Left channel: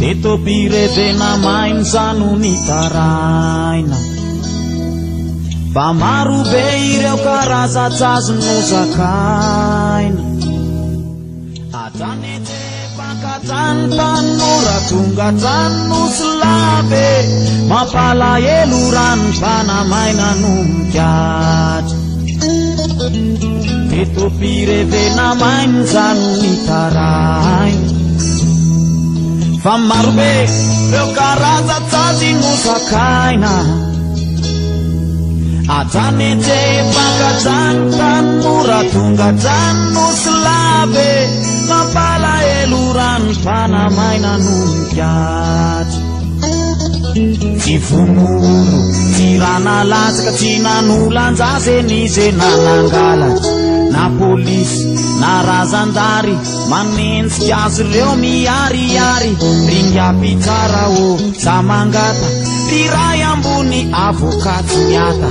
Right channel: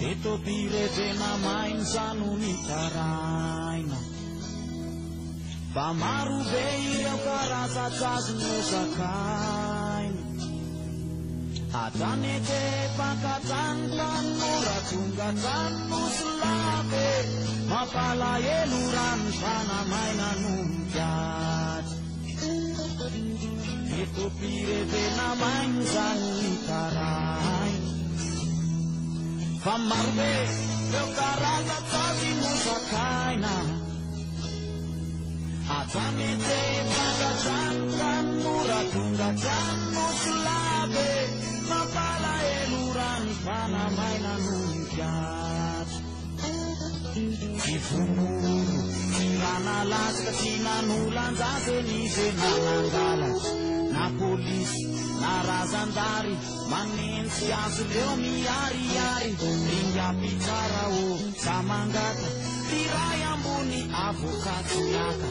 Teto pirevena mainzano ny taraina Fa maro be ireo karaza-tsazo no zakaina Atanetepakatrany tanora tonga trano solabe Mampalahelo rano mpanamaina no mikatra Teto pirevena mainzano ny taraina Fa maro be ireo karaza-tsazy no zakaina Atanetepakatrany tanora tonga trano solabe Mampalahelo rano mpanamaina no mikatra Tsy vonolo, tsy rana latsaka, tsy nanolanjase nize nanangalatra Na polisy, na razandary, manentsika azy reo miariary Ringapitsara o, samangata, riray ambony avokaty miata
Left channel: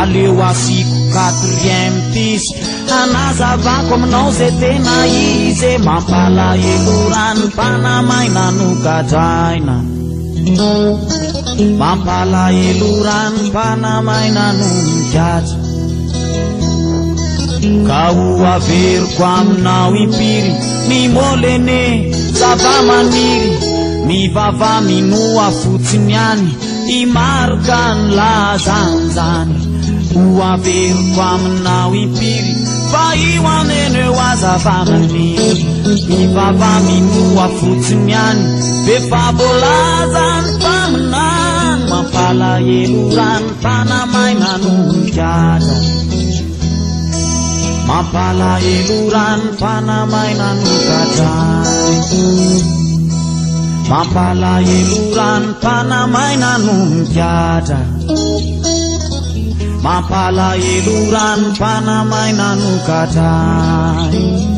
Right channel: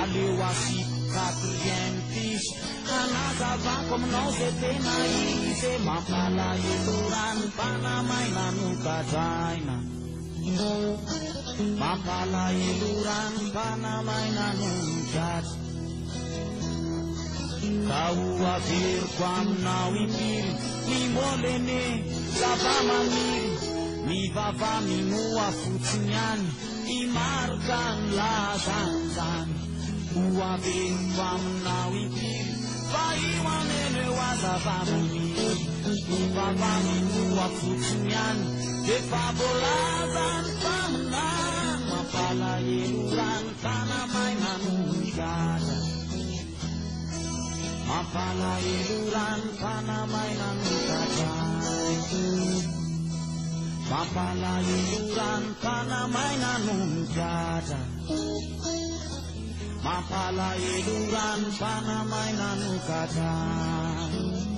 Aleo asiko 4e tisy, anazavako aminao ze tena izy Mampalahelo rano mpanamaina no gadraina Mampalahelo rano mpanamaina no mikatra Ka ho averiko aminao impiry Ny molene zava-maniry Mivava minoa fotsiny any Imaroka ny lazanjany Ho averiko aminao impiry Fa io aneneo azava-maniry Mivava minoa fotsiny any Befabolazany paminany Mampalahelo rano mpanamaina no mikatra Mampalahelo rano mpanamaina no gadraina Mampalahelo rano mpanamaina no mikatra Mampalahelo rano mpanamaina no gadraina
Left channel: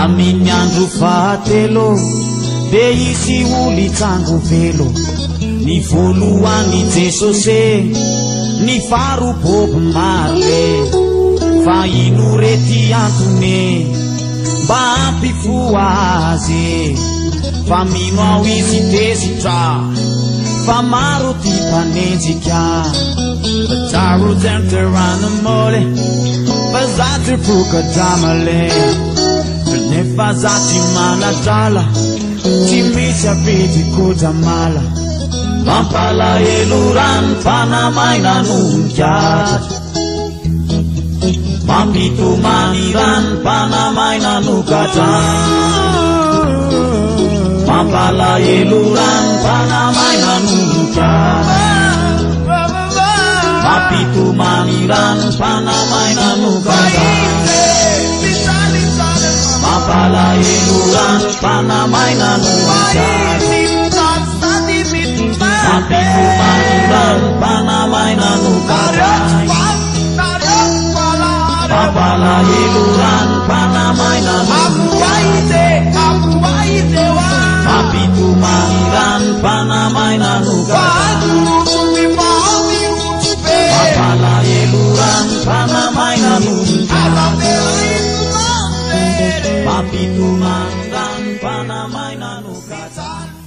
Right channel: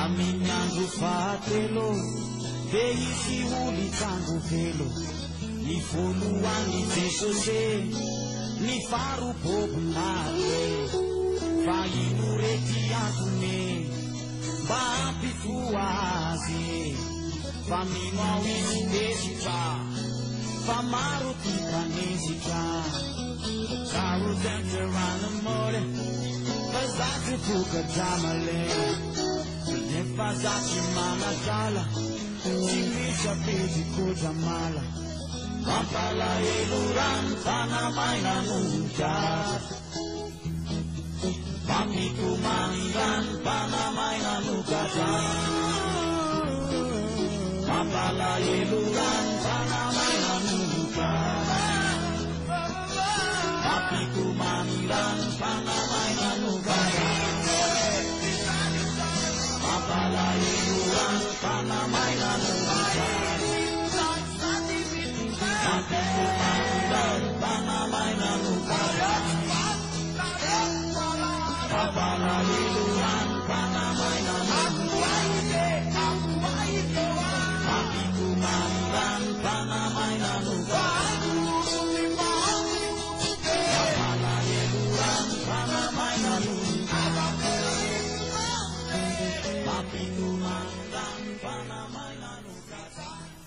Amin'ny andro fahatelo de isy olo itsango velo Ny voalohany Jesosy Ny faro Bob Marley Fa ino rety antony Mba ampifoa azy Fa mino ao izy tesitra Fa maro ty mpanenjika Bataro tenteranamole Fa zatry pokadramale Nefa zati manadrala Tsy misy apetiko jamala Mampalahelo rano mpanamaina no mikatra Mampitomany rano mpanamaina no gadraina Mampalahelo rano mpanamaina no mikatra Mampitomany rano mpanamaina no gadraina Mampalahelo rano mpanamaina no mikatra Mampitomany rano mpanamaina no gadraina Mampalahelo rano mpanamaina no mikatra Mampitomany rano mpanamaina no gadraina Mampalahelo rano mpanamaina no mikatra Mampitomany rano mpanamaina no gadraina